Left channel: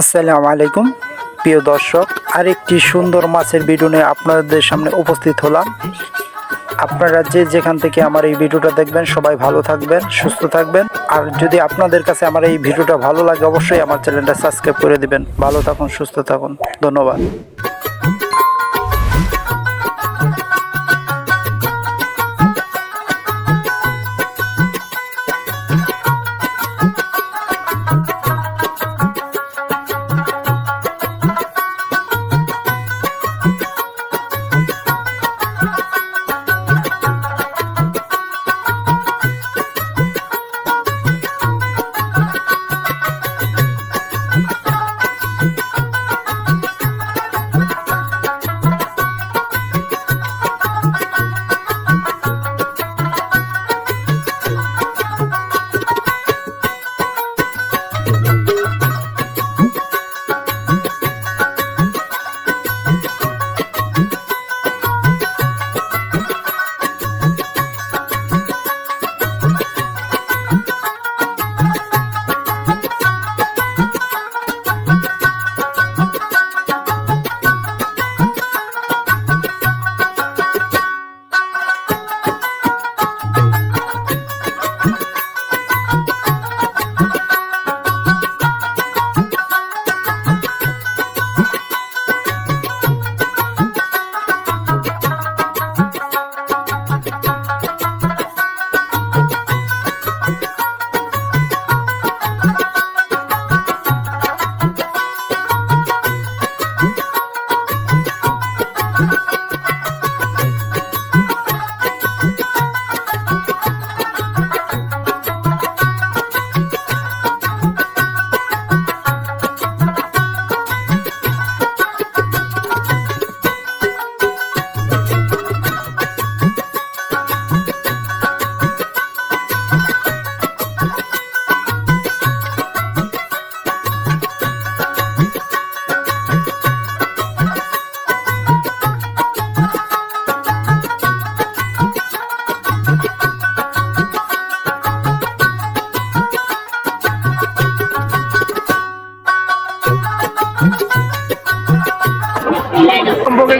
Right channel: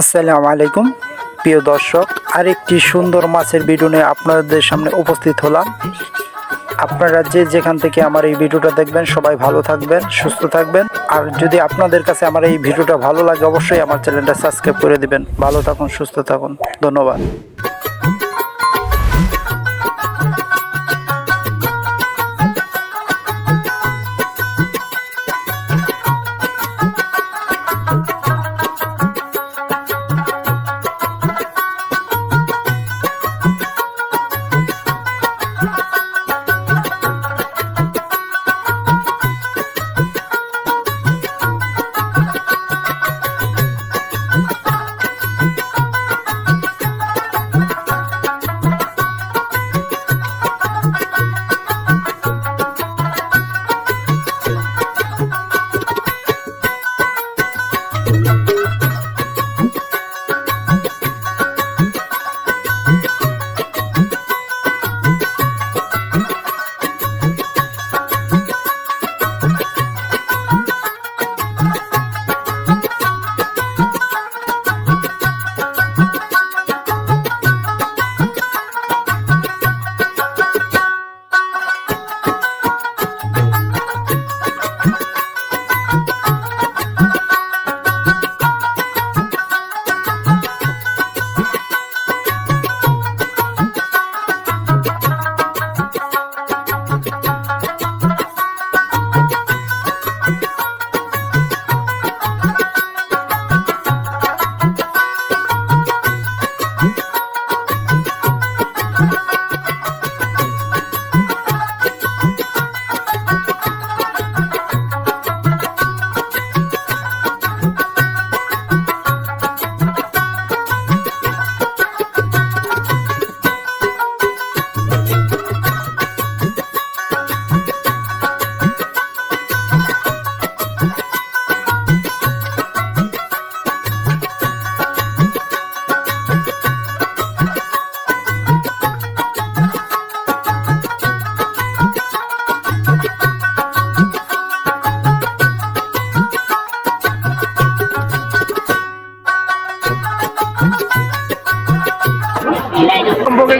আসসালামু আলাইকুম প্রিয় দর্শক, আরেকটি সুন্দর মাছের ভিডিও নিয়ে আপনাদের সামনে উপস্থিত হলাম। আপনারা যে যেখান থেকে আমার এই ভিডিওটা দেখবেন সবাই ভালো থাকবেন, সুস্থ থাকবেন। আর যদি আপনাদের কাছে আমার এই ভিডিওটা ভালো লাগে অবশ্যই আমার চ্যানেলটা সাবস্ক্রাইব করে দিবেন। ভালো থাকুন, সুস্থ থাকুন, ধন্যবাদ।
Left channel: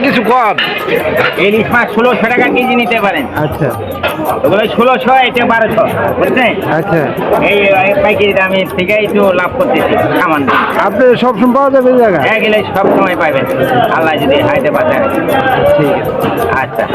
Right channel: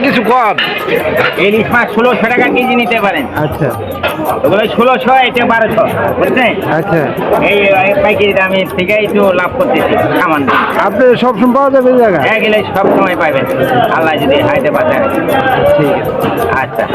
কিছু কম ইলিশ মাছ 1600 টাকা কেজি নিতে পারেন। আচ্ছা, ওগুলো 1600, এটা 1200, বুঝছেন? আচ্ছা, এই পাইকারি দামের থেকে একটু লাভ করতেছি সামান্য। আপনি সবসময় পাওয়া যাবে এই জায়গায়? গেলে সব সময় পাবেন, আল্লাহ যদি হাইতে পাঠায়। ঠিক আছে, আচ্ছা।